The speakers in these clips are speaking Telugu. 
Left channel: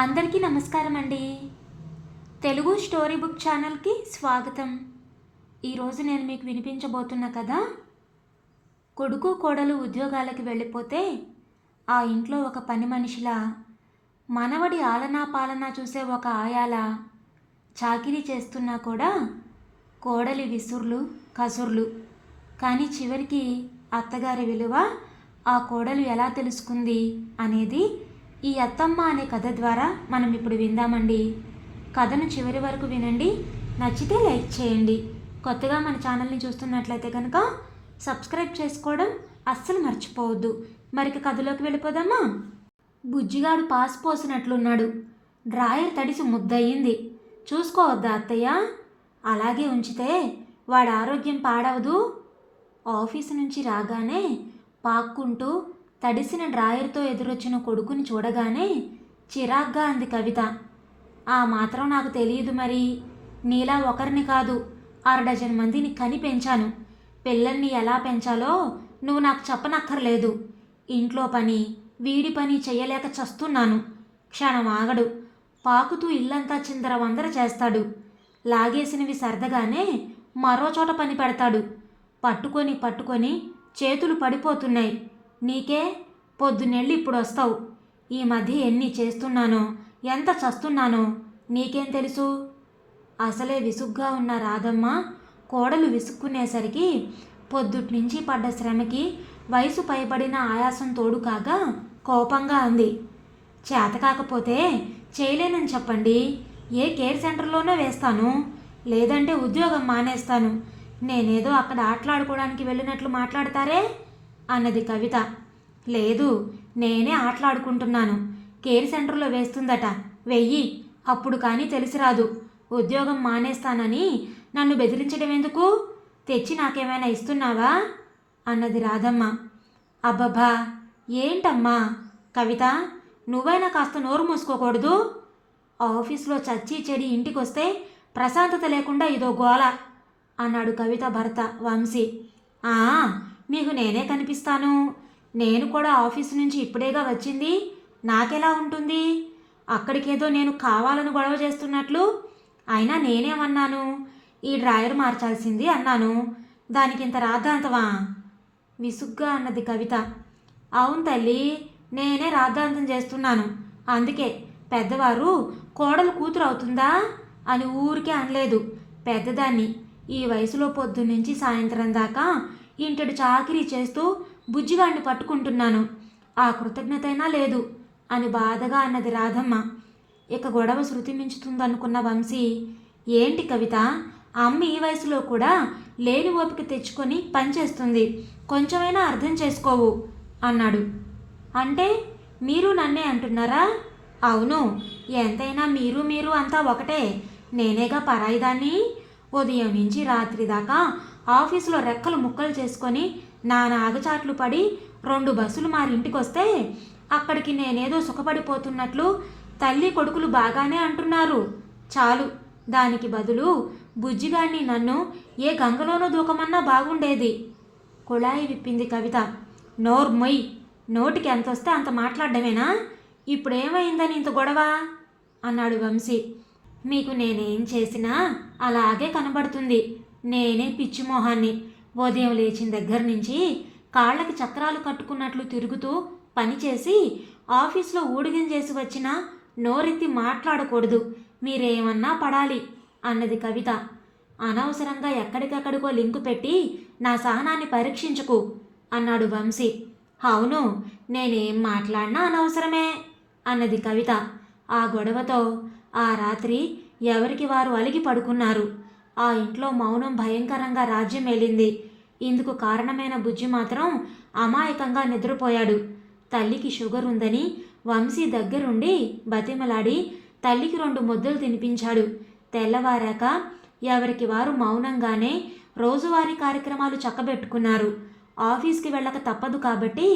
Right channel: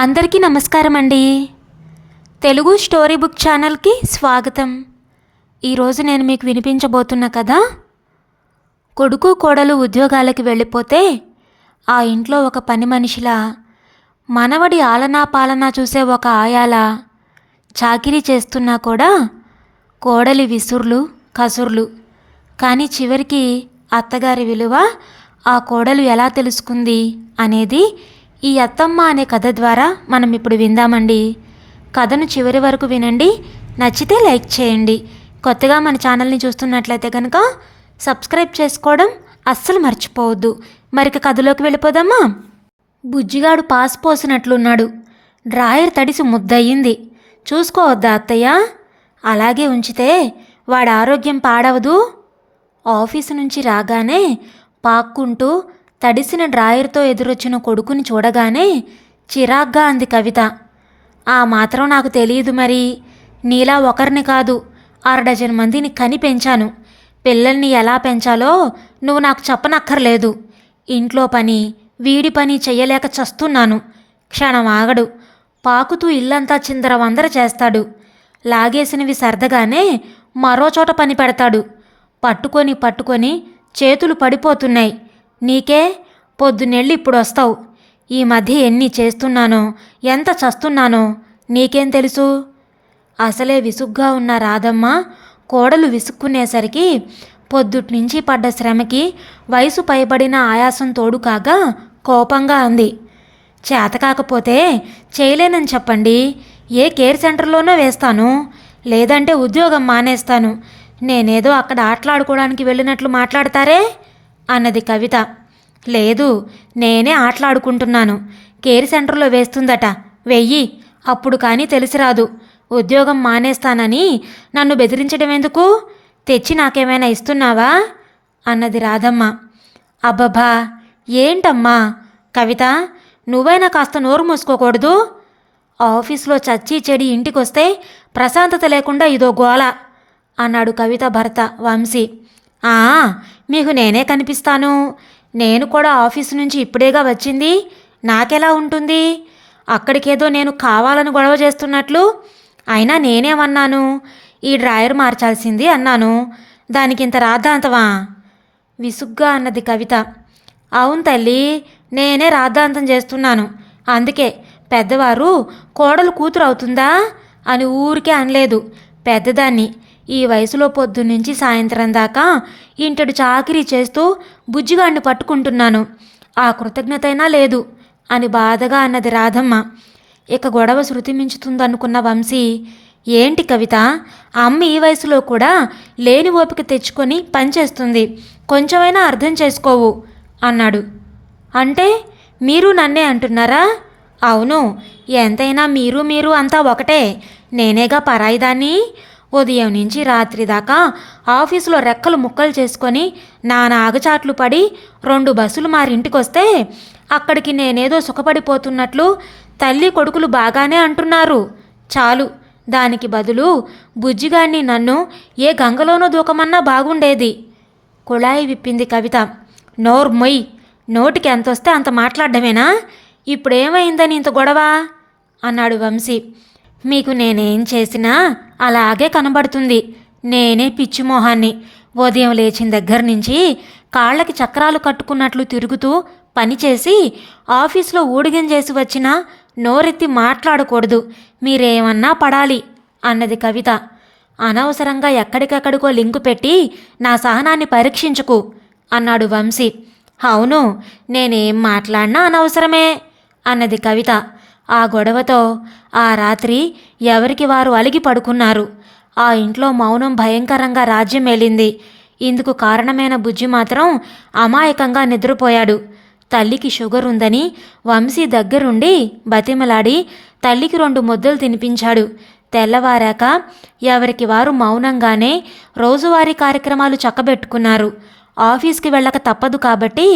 అందరికీ నమస్కారం అండి. తెలుగు స్టోరీ బుక్ ఛానల్కి స్వాగతం. ఈరోజు నేను మీకు వినిపించబోతున్న కథ, కొడుకు కోడలు ఉద్యోగాలకి వెళ్ళిపోతే ఆ ఇంట్లో ఒక పని మనిషిలా, మనవడి ఆలనా పాలనా చూసే ఒక ఆయాలా చాకిరీ చేస్తున్నా కూడా కోడలి విసుర్లు కసుర్లు. కానీ చివరికి అత్తగారి విలువ ఆ కోడలు ఎలా తెలుసుకుంది అనేది ఈ అత్తమ్మ అనే కథ ద్వారా మనం ఇప్పుడు విందామండి. కథను చివరి వరకు వినండి. నచ్చితే లైక్ చేయండి. కొత్తగా మన ఛానల్ని చూస్తున్నట్లయితే కనుక సబ్స్క్రైబ్ చేసుకోవడం అస్సలు మర్చిపోవద్దు. మరిక కథలోకి వెళ్ళిపోదామా. బుజ్జిగాడు పాస్ పోసినట్లున్నాడు. డ్రాయర్ తడిసి ముద్దయింది. చూసుకోవద్దా అత్తయ్య? అలాగే ఉంచితే వాడి ఆరోగ్యం పాడవదు. ఆఫీసు నుంచి రాగానే పాక్కుంటూ తడిసిన డ్రాయర్తో ఎదురొచ్చిన కొడుకుని చూడగానే చిరాగ్గా అంది కవిత. ఆ మాత్రం నాకు తెలియదు మరి. నీలా ఒకరిని కాదు, 6 మందిని కని పెంచాను. పిల్లల్ని ఎలా పెంచాలో నువ్వు నాకు చెప్పనక్కర్లేదు. ఇంట్లో పని వీడి పని చెయ్యలేక చస్తున్నాను. క్షణం ఆగడు. పాకుతూ ఇల్లంతా చిందరవందర చేస్తాడు. లాగేసినవి సర్దగానే మరోచోట పని పెడతాడు. పట్టుకొని చేతులు పడిపోతున్నాయి. నీకే పొద్దున్నెళ్ళి ఇప్పుడు వస్తావు. ఈ మధ్య ఎన్ని చేస్తున్నానో, ఎంత చస్తున్నానో నీకేం తెలుసు? అసలే విసుగ్గా ఉన్న రాధమ్మ కోడలు విసుక్కునేసరికి పొద్దుట్నుంచి పడ్డ శ్రమకి వయసు పైబడిన ఆయాసం తోడు కాగా కోపంగా అంది. చేతకాకపోతే చేయలేనని చెప్పండి. ఏ కేర్ సెంటర్లోనో వేస్తాను, లేదంటే ఉద్యోగం మానేస్తాను. నేనేదో అక్కడ ఆటలాడుకోవడానికి వెళ్ళినట్లు మాట్లాడతారే అన్నది కవిత. లేదు, నేనే ఆటలాడుకుంటున్నాను. కేర్ సెంటర్లో వేస్తుందట, వెయ్యి. అప్పుడు కానీ తెలిసిరాదు. ఉద్యోగం మానేస్తానని నన్ను బెదిరించడం ఎందుకు? తెచ్చి నాకేమైనా ఇస్తున్నావా అన్నది రాధమ్మ. అబ్బబ్బా, ఏంటమ్మా కవిత, నువ్వైనా కాస్త నోరు మూసుకోకూడదు? ఆఫీస్లో చచ్చి చెడి ఇంటికొస్తే ప్రశాంతత లేకుండా ఇదో గోల అన్నాడు కవిత భర్త వంశీ. మీకు నేనే కనిపిస్తాను. నేను కూడా ఆఫీసు నుంచి ఇప్పుడేగా వచ్చింది. నాకెలా ఉంటుంది? అక్కడికేదో నేను కావాలని గొడవ చేస్తున్నట్లు. అయినా నేనేమన్నాను? ఈ డ్రాయర్ మార్చాల్సింది అన్నాను. దానికింత రాద్ధాంతమా? విసుగ్గా అన్నది కవిత. అవును తల్లి, నేనే రాద్ధాంతం చేస్తున్నాను. అందుకే పెద్దవారు కోడలు కూతురు అవుతుందా అని ఊరికే అనలేదు. పెద్దదాన్ని. ఈ వయసులో పొద్దున్నుంచి సాయంత్రం దాకా ఇంటడు చాకిరీ చేస్తూ బుజ్జిగాడిని పట్టుకుంటున్నాను. ఆ కృతజ్ఞతైనా లేదు అని బాధగా అన్నది రాధమ్మ. ఇక గొడవ శృతి మించుతుందనుకున్న వంశీ, ఏంటి కవిత, అమ్మ ఈ వయసులో కూడా లేని ఓపిక తెచ్చుకొని పనిచేస్తుంది. కొంచెమైనా అర్థం చేసుకోవు అన్నాడు. అంటే మీరు నన్నే అంటున్నారా? అవును, ఎంతైనా మీరు అంతా ఒకటే. నేనేగా పరాయిదాన్ని. ఉదయం నుంచి రాత్రి దాకా ఆఫీసులో రెక్కలు ముక్కలు చేసుకొని నానా ఆగచాట్లు పడి 2 బస్సులు మారింటికొస్తే అక్కడికి నేనేదో సుఖపడిపోతున్నట్లు తల్లి కొడుకులు బాగానే అంటున్నారు. చాలు, దానికి బదులు బుజ్జిగాడిని నన్ను ఏ గంగలోనో దూకమన్నా బాగుండేది. కుళాయి విప్పింది కవిత. నోర్మొయ్, నోటికి ఎంతొస్తే అంత మాట్లాడడమేనా? ఇప్పుడేమైందని ఇంత గొడవ అన్నాడు వంశీ. మీకు నేనేం చేసినా అలాగే కనబడుతుంది. నేనే పిచ్చిమోహాన్ని. ఉదయం లేచిన దగ్గర నుంచి కాళ్ళకి చక్రాలు కట్టుకున్నట్లు తిరుగుతూ పనిచేసి ఆఫీస్లో ఊడిగం చేసి వచ్చినా నోరెత్తి మాట్లాడకూడదు. మీరేమన్నా పడాలి అన్నది కవిత. అనవసరంగా ఎక్కడికెక్కడికో లింకు పెట్టి నా సహనాన్ని పరీక్షించుకు అన్నాడు వంశీ. అవును, నేనేం మాట్లాడినా అనవసరమే అన్నది కవిత. ఆ గొడవతో ఆ రాత్రి ఎవరికి వారు అలిగి పడుకున్నారు. ఆ ఇంట్లో మౌనం భయంకరంగా రాజ్యం ఏలింది. ఇందుకు కారణమైన బుజ్జి మాత్రం అమాయకంగా నిద్రపోయాడు. తల్లికి షుగర్ ఉందని వంశీ దగ్గరుండి బతిమలాడి తల్లికి 2 ముద్దలు తినిపించాడు. తెల్లవారాక ఎవరికి వారు మౌనంగానే రోజువారీ కార్యక్రమాలు చక్కబెట్టుకున్నారు. ఆఫీస్కి వెళ్ళక తప్పదు కాబట్టి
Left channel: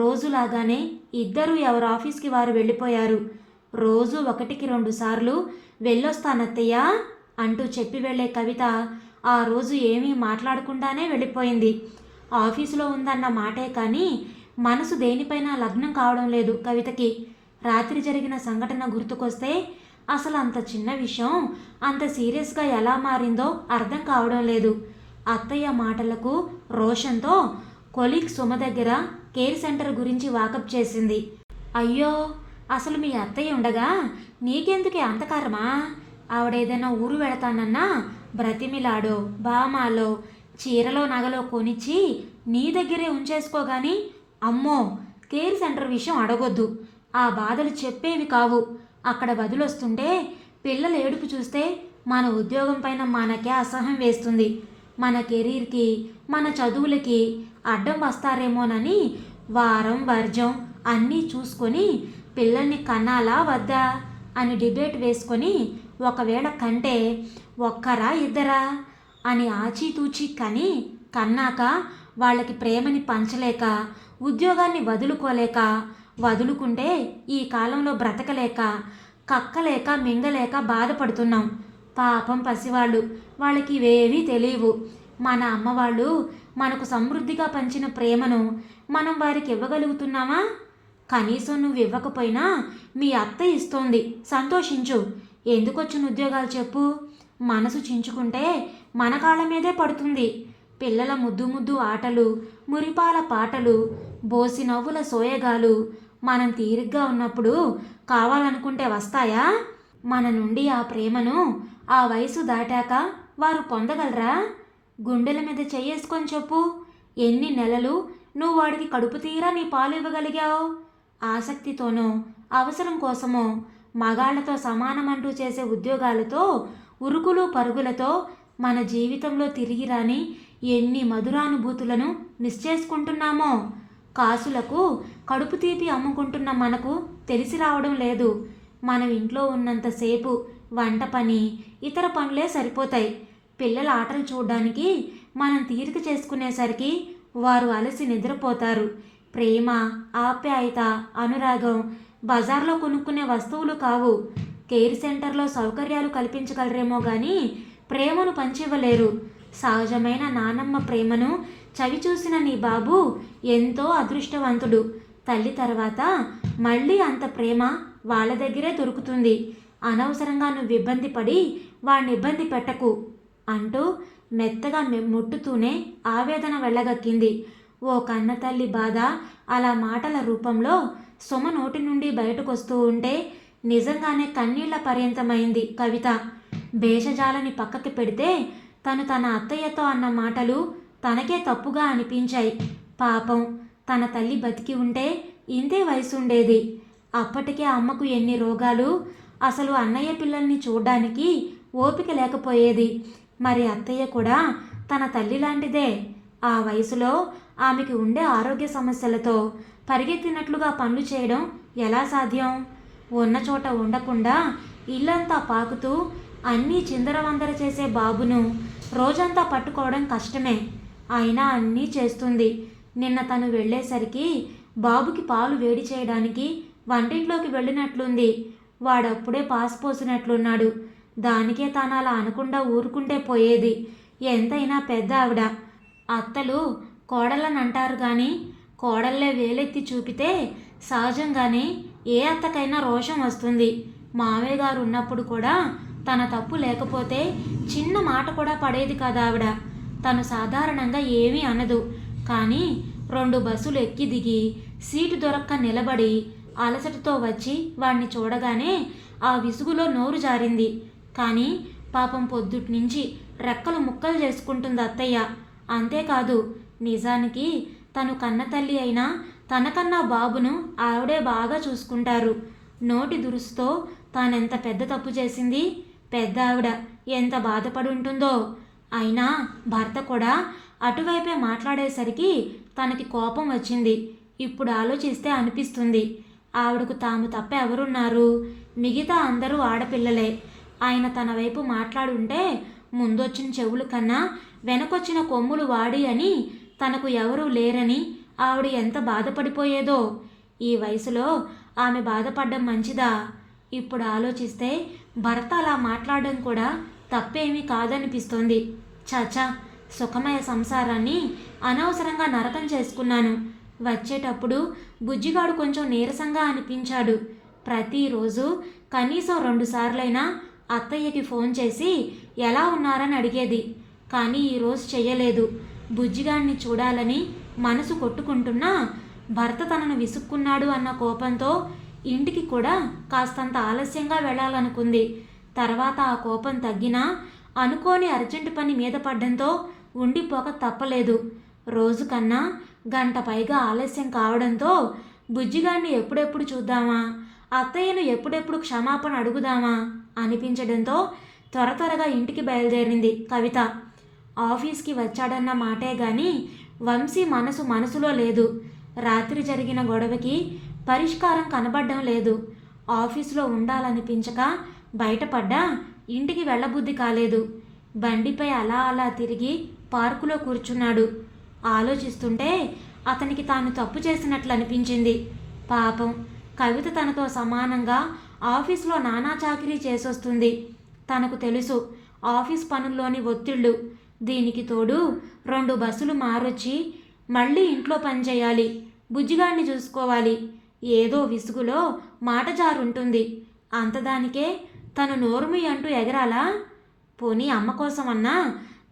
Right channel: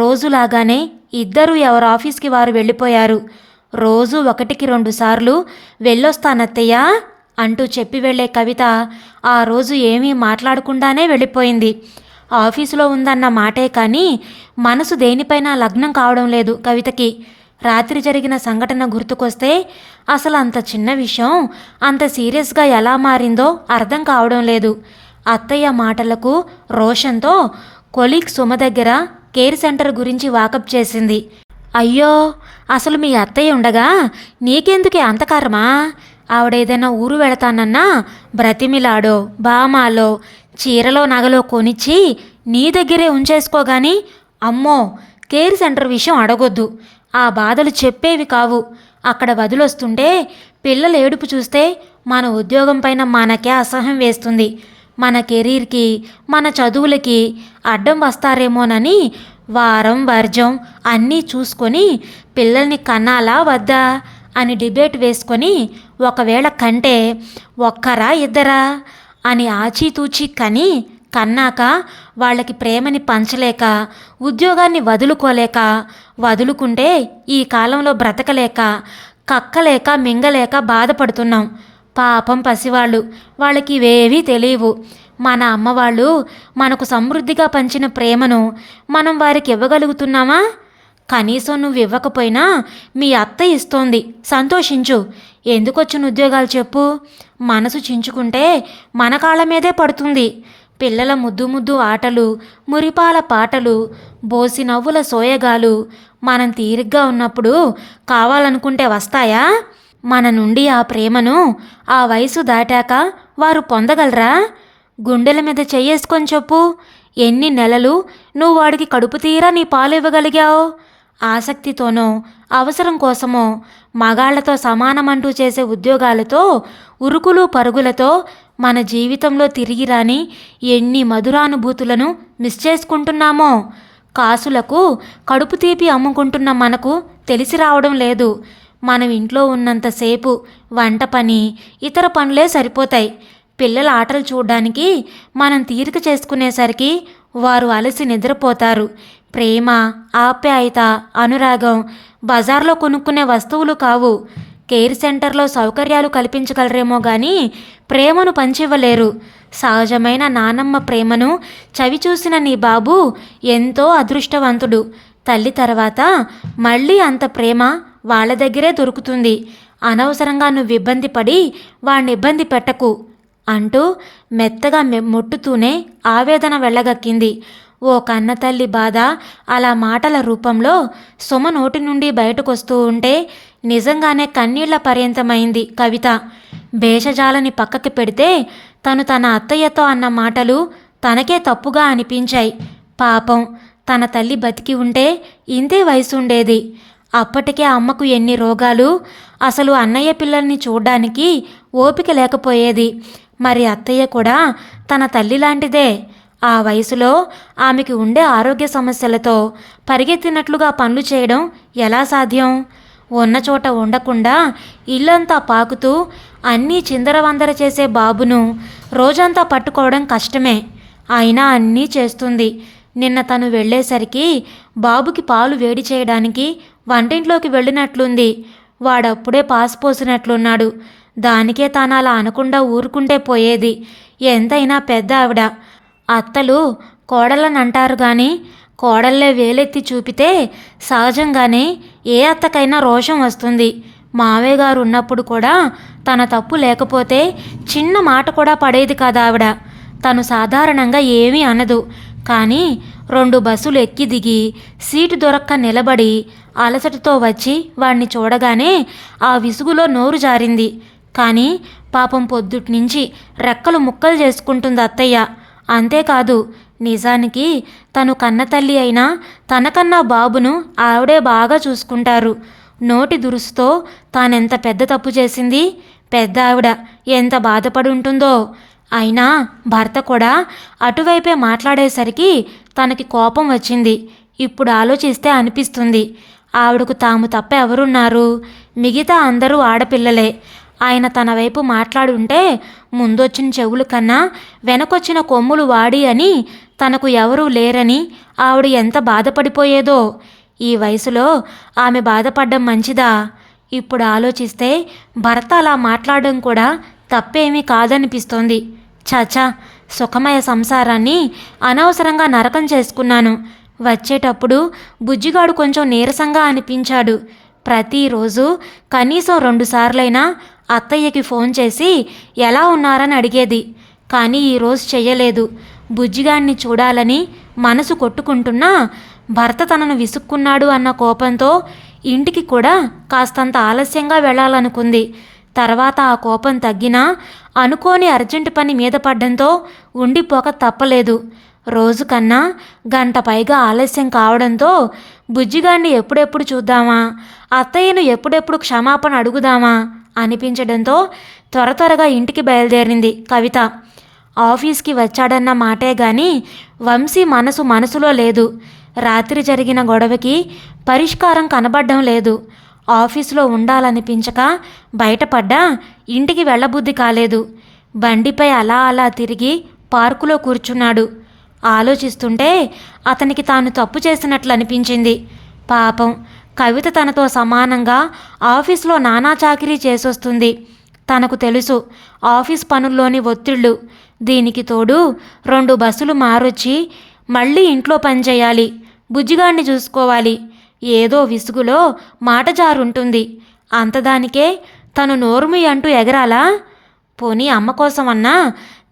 రోజులాగానే ఇద్దరూ ఎవరు ఆఫీస్కి వారు వెళ్ళిపోయారు. రోజు 1-2 సార్లు వెళ్ళొస్తానత్తయ్యా అంటూ చెప్పి వెళ్ళే కవిత ఆ రోజు ఏమీ మాట్లాడకుండానే వెళ్ళిపోయింది. ఆఫీసులో ఉందన్న మాటే కానీ మనసు దేనిపైన లగ్నం కావడం లేదు కవితకి. రాత్రి జరిగిన సంఘటన గుర్తుకొస్తే అసలు అంత చిన్న విషయం అంత సీరియస్గా ఎలా మారిందో అర్థం కావడం లేదు. అత్తయ్య మాటలకు రోషంతో కొలీగ్ సుమ దగ్గర కేర్ సెంటర్ గురించి వాకప్ చేసింది. అయ్యో, అసలు మీ అత్తయ్య ఉండగా నీకెందుకే అంత కర్మా? ఆవిడేదైనా ఊరు వెళతానన్నా బ్రతిమిలాడో బామాలో చీరలో నగలో కొనిచ్చి నీ దగ్గరే ఉంచేసుకోగాని అమ్మో కేర్ సెంటర్ విషయం అడగొద్దు. ఆ బాధలు చెప్పేవి కావు. అక్కడ వదిలొస్తుంటే పిల్లల ఏడుపు చూస్తే మన ఉద్యోగం పైన మనకే అసహ్యం వేస్తుంది. మన కెరీర్కి మన చదువులకి అడ్డం వస్తారేమోనని వారం వర్జం అన్నీ చూసుకొని పిల్లల్ని కన్నాలా వద్దా అని డిబేట్ వేసుకొని ఒకవేళ కంటే ఒక్కరా ఇద్దరా అని ఆచితూచి కన్నాక వాళ్ళకి ప్రేమని పంచలేక ఉద్యోగాన్ని వదులుకోలేక వదులుకుంటే ఈ కాలంలో బ్రతకలేక కక్కలేక మింగలేక బాధపడుతున్నాం. పాపం పసివాళ్ళు, వాళ్ళకి ఇవేవీ తెలియవు. మన అమ్మవాళ్ళు మనకు సమృద్ధిగా పంచిన ప్రేమను మనం వారికి ఇవ్వగలుగుతున్నామా? కనీసం నువ్వు ఇవ్వకపోయినా మీ అత్త ఇస్తోంది, సంతోషించు. ఎందుకొచ్చిన ఉద్యోగాలు చెప్పు? మనసు చించుకుంటే మన కాళ్ళ మీదే పడుతుంది. పిల్లల ముద్దు ముద్దు ఆటలు, మురిపాల పాటలు, బోసి నవ్వుల సోయగాలు మనం తీరిగ్గా ఉన్నప్పుడు కావాలనుకుంటే వస్తాయా? మన నుండి ఆ ప్రేమను ఆ వయసు దాటాక వారు పొందగలరా? గుండెల మీద చెయ్యేసుకొని చెప్పు, ఎన్ని నెలలు నువ్వు వాడికి కడుపు తీరా నీ పాలు ఇవ్వగలిగావు? ఆసక్తితోనో అవసరం కోసమో మగాళ్లతో సమానమంటూ చేసే ఉద్యోగాలతో ఉరుకులు పరుగులతో మన జీవితంలో తిరిగి రాని ఎన్ని మధురానుభూతులను మిస్ చేసుకుంటున్నామో. కాసులకు కడుపు తీపి అమ్ముకుంటున్న మనకు తెలిసి రావడం లేదు. మనం ఇంట్లో ఉన్నంతసేపు వంట పని, ఇతర పనులే సరిపోతాయి. పిల్లల ఆటలు చూడడానికి మనం తీరిక చేసుకునేసరికి వారు అలసి నిద్రపోతారు. ప్రేమ, ఆప్యాయత, అనురాగం బజార్లో కొనుక్కునే వస్తువులు కావు. కేర్ సెంటర్లో సౌకర్యాలు కల్పించగలరేమో కానీ ప్రేమను పంచివ్వలేరు. సహజమైన నానమ్మ ప్రేమను చవిచూసిన నీ బాబు ఎంతో అదృష్టవంతుడు. తల్లి తర్వాత మళ్ళీ అంత ప్రేమ వాళ్ళ దగ్గరే దొరుకుతుంది. అనవసరంగా నువ్వు ఇబ్బంది పడి వాడిని ఇబ్బంది పెట్టకు అంటూ మెత్తగా ముట్టుతూనే ఆవేదన వెళ్ళగక్కింది. ఓ కన్నతల్లి బాధ అలా మాటల రూపంలో సుమ నోటి నుండి బయటకొస్తూ ఉంటే నిజంగానే కన్నీళ్ల పర్యంతమైంది కవిత. భేషజాలని పక్కకి పెడితే తను తన అత్తయ్యతో అన్న మాటలు తనకే తప్పుగా అనిపించాయి. పాపం, తన తల్లి బతికి ఉంటే ఇంతే వయసు ఉండేది. అప్పటికే అమ్మకు ఎన్ని రోగాలు, అసలు అన్నయ్య పిల్లల్ని చూడ్డానికి ఓపిక లేకపోయేది. మరి అత్తయ్య కూడా తన తల్లి లాంటిదే. ఆ వయసులో ఆమెకి ఉండే ఆరోగ్య సమస్యలతో పరిగెత్తినట్లుగా పనులు చేయడం ఎలా సాధ్యం? ఉన్న చోట ఉండకుండా ఇల్లంతా పాకుతూ అన్నీ చిందరవందర చేసే బాబును రోజంతా పట్టుకోవడం కష్టమే. అయినా అన్నీ చేస్తుంది. నిన్న తను వెళ్ళేసరికి బాబుకి పాలు వేడి చేయడానికి వంటింట్లోకి వెళ్ళినట్లుంది. వాడప్పుడే పాసు పోసినట్లున్నాడు. దానికే తాను అలా అనకుండా ఊరుకుంటే పోయేది. ఎంతైనా పెద్ద ఆవిడ. అత్తలు కోడళ్ళని అంటారు కానీ కోడళ్ళే వేలెత్తి చూపితే సహజంగానే ఏ అత్తకైనా రోషం వస్తుంది. మావయ్య గారు ఉన్నప్పుడు కూడా తన తప్పు లేకపోతే చిన్న మాట కూడా పడేది కాదు ఆవిడ. తను సాధారణంగా ఏమీ అనదు. కానీ 2 బస్సులు ఎక్కి దిగి సీటు దొరక్క నిలబడి అలసటతో వచ్చి వాణ్ణి చూడగానే ఆ విసుగులో నోరు జారింది. కానీ పాపం పొద్దుట్నుంచి రెక్కలు ముక్కలు చేసుకుంటుంది అత్తయ్య. అంతేకాదు, నిజానికి తను కన్నతల్లి అయినా తనకన్నా బాబును ఆవిడే బాగా చూసుకుంటారు. నోటి దురుసుతో తానెంత పెద్ద తప్పు చేసింది, పెద్ద ఆవిడ ఎంత బాధపడి ఉంటుందో. అయినా భర్త కూడా అటువైపే మాట్లాడేసరికి తనకి కోపం వచ్చింది. ఇప్పుడు ఆలోచిస్తే అనిపిస్తుంది, ఆవిడకు తాము తప్ప ఎవరున్నారు? మిగతా అందరూ ఆడపిల్లలే. ఆయన తన వైపు మాట్లాడుంటే ముందొచ్చిన చెవులు కన్నా వెనకొచ్చిన కొమ్ములు వాడి అని తనకు ఎవరూ లేరని ఆవిడ ఎంత బాధపడిపోయేదో. ఈ వయసులో ఆమె బాధపడ్డం మంచిదా? ఇప్పుడు ఆలోచిస్తే భర్త అలా మాట్లాడడం కూడా తప్పేమీ కాదనిపిస్తోంది. చాచా, సుఖమయ సంసారాన్ని అనవసరంగా నరకం చేసుకున్నాను. వచ్చేటప్పుడు బుజ్జిగాడు కొంచెం నీరసంగా అనిపించాడు. ప్రతిరోజు కనీసం 2 సార్లైనా అత్తయ్యకి ఫోన్ చేసి ఎలా ఉన్నారని అడిగేది. కానీ ఈరోజు చెయ్యలేదు. బుజ్జిగాడిని చూడాలని మనసు కొట్టుకుంటున్నా భర్త తనను విసుక్కున్నాడు అన్న కోపంతో ఇంటికి కూడా కాస్తంత ఆలస్యంగా వెళ్ళాలనుకుంది. తర్వాత ఆ కోపం తగ్గినా అనుకోని అర్జెంటు పని మీద పడ్డంతో ఉండిపోక తప్పలేదు. రోజు కన్నా గంట పైగా ఆలస్యం కావడంతో బుజ్జిగాడిని ఎప్పుడెప్పుడు చూద్దామా, అత్తయ్యను ఎప్పుడెప్పుడు క్షమాపణ అడుగుదామా అనిపించడంతో త్వరగా ఇంటికి బయలుదేరింది కవిత. ఆఫీస్కి వచ్చాడన్న మాటే గాని వంశీ మనసులో లేదు. రాత్రి జరిగిన గొడవకి పరిష్కారం కనబడడం లేదు. ఆఫీసులో ఉండాలనిపించక బయటపడ్డా ఇంటికి వెళ్ళబుద్ధి కాలేదు. బండిపై అలా తిరిగి పార్కులో కూర్చున్నాడు. ఆలోచిస్తుంటే అతనికి తాను తప్పు చేసినట్లు అనిపించింది. పాపం కవిత తనతో సమానంగా ఆఫీస్లో నానా చాకిరీ చేసొస్తుంది. తనకు తెలుసు ఆఫీస్ పనుల్లోని ఒత్తిళ్ళు. దీనికి తోడు 2 బస్సులు మారొచ్చి మళ్ళీ ఇంట్లో పనిచేయాలి, బుజ్జిగాడిని చూసుకోవాలి. ఏదో విసుగులో మాట జారుంటుంది. అంతదానికే తను నోరుమి అంటూ ఎగరాలా? పోనీ అమ్మ కోసమన్నా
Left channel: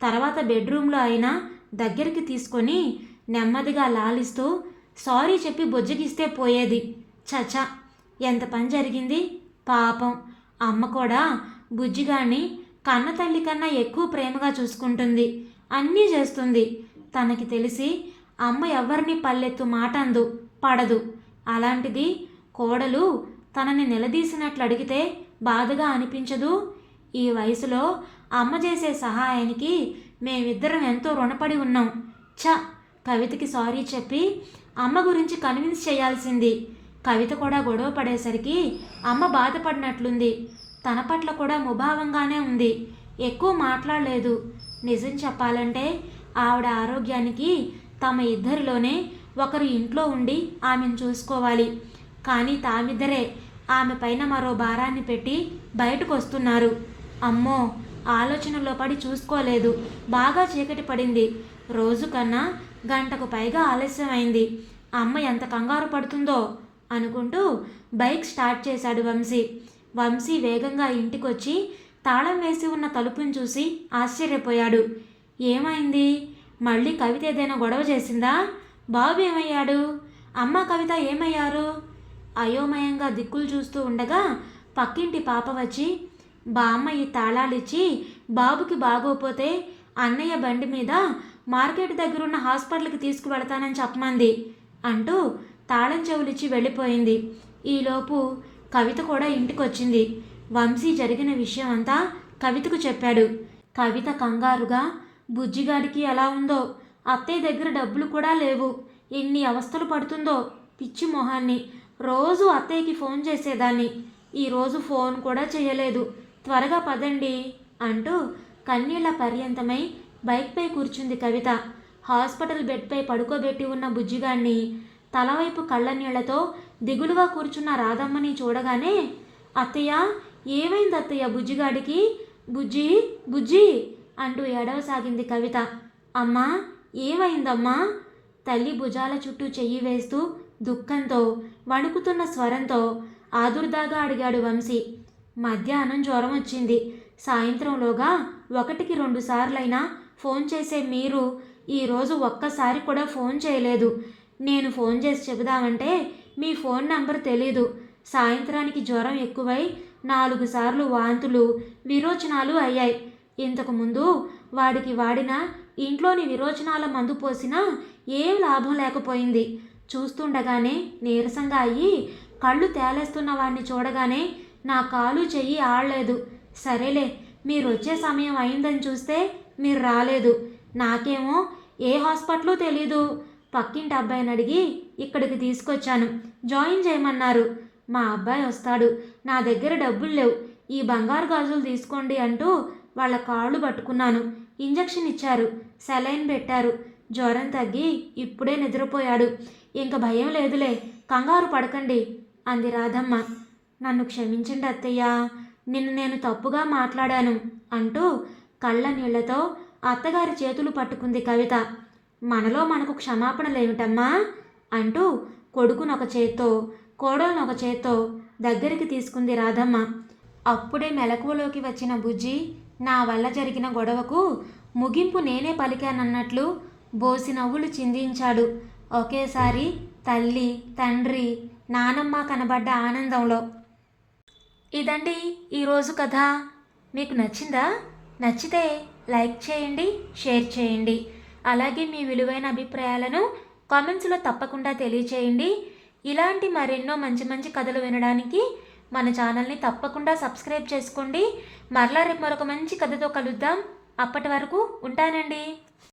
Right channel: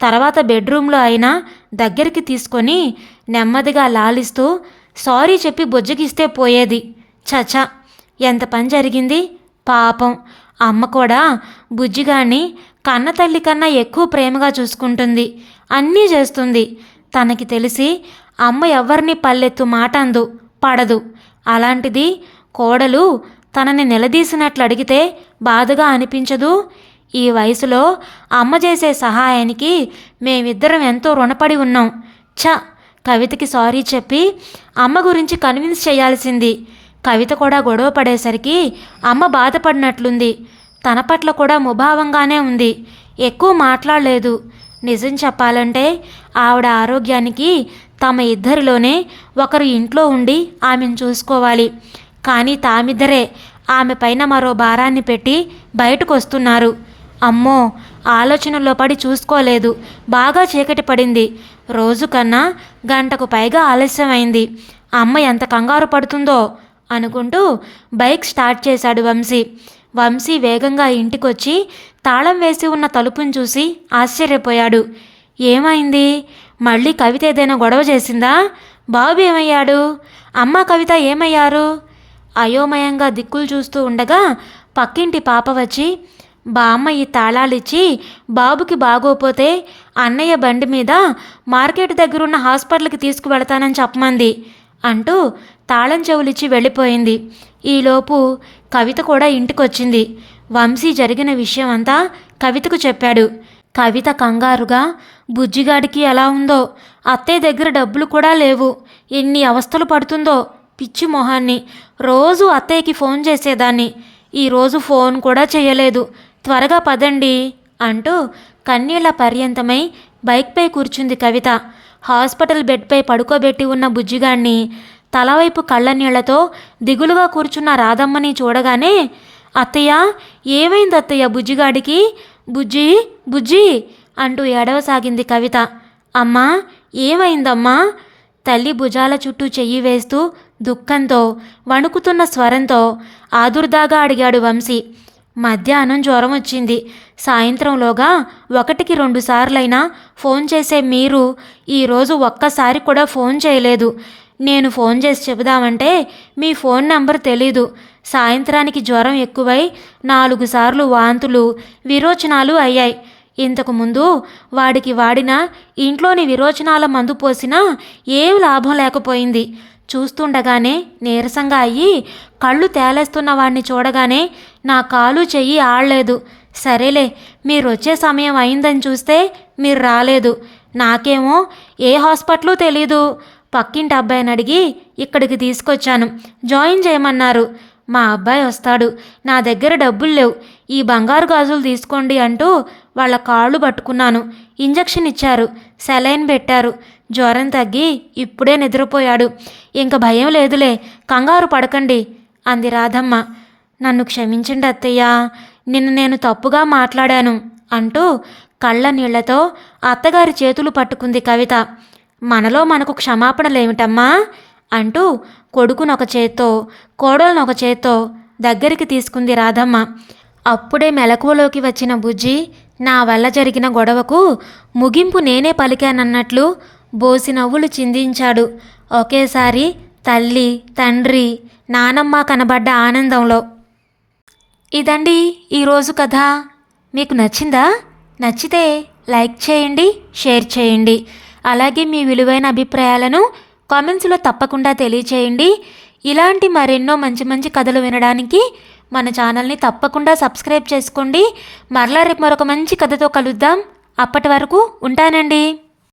తర్వాత బెడ్రూమ్లో అయినా దగ్గరికి తీసుకొని నెమ్మదిగా లాలిస్తూ సారీ చెప్పి బుజ్జగిస్తే పోయేది. చచా, ఎంత పని జరిగింది. పాపం అమ్మ కూడా బుజ్జిగాడిని కన్న తల్లి కన్నా ఎక్కువ ప్రేమగా చూసుకుంటుంది, అన్నీ చేస్తుంది. తనకి తెలిసి అమ్మ ఎవరిని పల్లెత్తు మాట అందు, పడదు. అలాంటిది కోడలు తనని నిలదీసినట్లు అడిగితే బాధగా అనిపించదు? ఈ వయసులో అమ్మ చేసే సహాయానికి మేమిద్దరం ఎంతో రుణపడి ఉన్నాం. కవితకి సారీ చెప్పి అమ్మ గురించి కన్విన్స్ చేయాల్సింది. కవిత కూడా గొడవ పడేసరికి అమ్మ బాధపడినట్లుంది. తన పట్ల కూడా ముభావంగానే ఉంది. ఎక్కువ మాట్లాడలేదు. నిజం చెప్పాలంటే ఆవిడ ఆరోగ్యానికి తమ ఇద్దరిలోనే ఒకరు ఇంట్లో ఉండి ఆమెను చూసుకోవాలి. కానీ తామిద్దరే ఆమె పైన మరో భారాన్ని పెట్టి బయటకు వస్తున్నారు. అమ్మో, ఆలోచనలో పడి చూసుకోలేదు. బాగా చీకటి పడింది. రోజు కన్నా గంటకు పైగా ఆలస్యమైంది. అమ్మ ఎంత కంగారు పడుతుందో అనుకుంటూ బైక్ స్టార్ట్ చేశాడు వంశీ వేగంగా ఇంటికొచ్చి తాళం వేసి ఉన్న తలుపును చూసి ఆశ్చర్యపోయాడు. ఏమైంది? మళ్ళీ కవిత ఏదైనా గొడవ చేసిందా? బాబు ఏమయ్యాడు? అమ్మ కవిత ఏమయ్యారు? అయోమయంగా దిక్కులు చూస్తూ ఉండగా పక్కింటి పాప వచ్చి, బామ్మ ఈ తాళాలిచ్చి బాబుకి బాగోపోతే అన్నయ్య బండి మీద మార్కెట్ దగ్గరున్న హాస్పిటల్కి తీసుకువెళతానని చెప్పమంది అంటూ తాళం చెవులిచ్చి వెళ్ళిపోయింది. ఈలోపు కవిత కూడా ఇంటికొచ్చింది. వంశీ జరిగిన విషయం అంతా కవితకు చెప్పాడు. కవిత కంగారుగా, బుజ్జిగాడికి ఎలా ఉందో, అత్తయ్య దగ్గర డబ్బులు కూడా లేవు, ఎన్ని అవస్థలు పడుతుందో, పిచ్చి మొహాన్ని, రోజు అత్తయ్యకి ఫోన్ చేసేదాన్ని, ఈరోజు ఫోన్ కూడా చేయలేదు, త్వరగా పదండి అంటూ కన్నీళ్ల పర్యంతమై బైక్పై కూర్చుంది కవిత. హాస్పిటల్ బెడ్పై పడుకోబెట్టి ఉన్న బుజ్జిగాడిని తలవైపు కళ్ళనీళ్లతో దిగులుగా కూర్చున్న రాధమ్మని చూడగానే, అత్తయ్య, ఏమైంది అత్తయ్య బుజ్జిగాడికి? బుజ్జి బుజ్జి అంటూ ఏడవసాగింది కవిత. అమ్మా, ఏమైందమ్మా? తల్లి భుజాల చుట్టూ చెయ్యి వేస్తూ దుఃఖంతో వణుకుతున్న స్వరంతో ఆదుర్దాగా అడిగాడు వంశీ. మధ్యాహ్నం జ్వరం వచ్చింది. సాయంత్రంలోగా 1కి 2 సార్లైనా ఫోన్ చేసే మీరు ఈరోజు ఒక్కసారి కూడా ఫోన్ చేయలేదు. నేను ఫోన్ చేసి చెబుదామంటే మీ ఫోన్ నంబర్ తెలీదు. సాయంత్రానికి జ్వరం ఎక్కువై 4 సార్లు వాంతులు, విరోచనాలు అయ్యాయి. ఇంతకుముందు వాడికి వాడిన ఇంట్లోని విరోచనాల మందు పోసినా ఏం లాభం లేకపోయింది. చూస్తుండగానే నీరసంగా అయ్యి కళ్ళు తేలేస్తున్న వాడిని చూడగానే నా కాలు చెయ్యి ఆడలేదు. సరేలే, మీరు వచ్చే సమయం అయిందని చూస్తే మీరు రాలేదు. నాకేమో ఏ హాస్పిటల్ తెలీదు. పక్కింటి అబ్బాయిని అడిగి ఇక్కడికి తీసుకొచ్చాను. జాయిన్ చేయమన్నారు. మా అబ్బాయి వస్తాడు. నా దగ్గర డబ్బులు లేవు. ఈ బంగారు గాజులు తీసుకోండి అంటూ వాళ్ళ కాళ్ళు పట్టుకున్నాను. ఇంజెక్షన్ ఇచ్చారు, సెలైన్ పెట్టారు. జ్వరం తగ్గి ఇప్పుడే నిద్రపోయాడు. ఇంక భయం లేదులే, కంగారు పడకండి అంది రాధమ్మ. నన్ను క్షమించండి అత్తయ్య, నిన్ను నేను తప్పుగా మాట్లాడాను అంటూ కళ్ళ నీళ్లతో అత్తగారి చేతులు పట్టుకుంది కవిత. మనలో మనకు క్షమాపణలేమిటమ్మా అంటూ కొడుకునొక చేత్తో కోడలనొక చేత్తో దగ్గరికి తీసుకుంది రాధమ్మ. అప్పుడే మెలకువలోకి వచ్చిన బుజ్జి నా వల్ల జరిగిన గొడవకు ముగింపు నేనే పలికానన్నట్లు బోసి నవ్వులు చిందించాడు. ఒకేసారి తల్లి, తండ్రి, నానమ్మ కనబడ్డ ఆనందంలో. ఇదండి ఈరోజు కథ. మీకు నచ్చిందా? నచ్చితే లైక్ చేయండి, షేర్ చేయండి. అలాగే మీ విలువైన అభిప్రాయాలను కామెంట్స్లో తప్పకుండా తెలియచేయండి. ఇలాంటి మరెన్నో మంచి మంచి కథలు వినడానికి మన ఛానల్ని తప్పకుండా సబ్స్క్రైబ్ చేసుకోండి. మరలా రేపు మరొక మంచి కథతో కలుద్దాం. అప్పటి వరకు ఉంటానండి.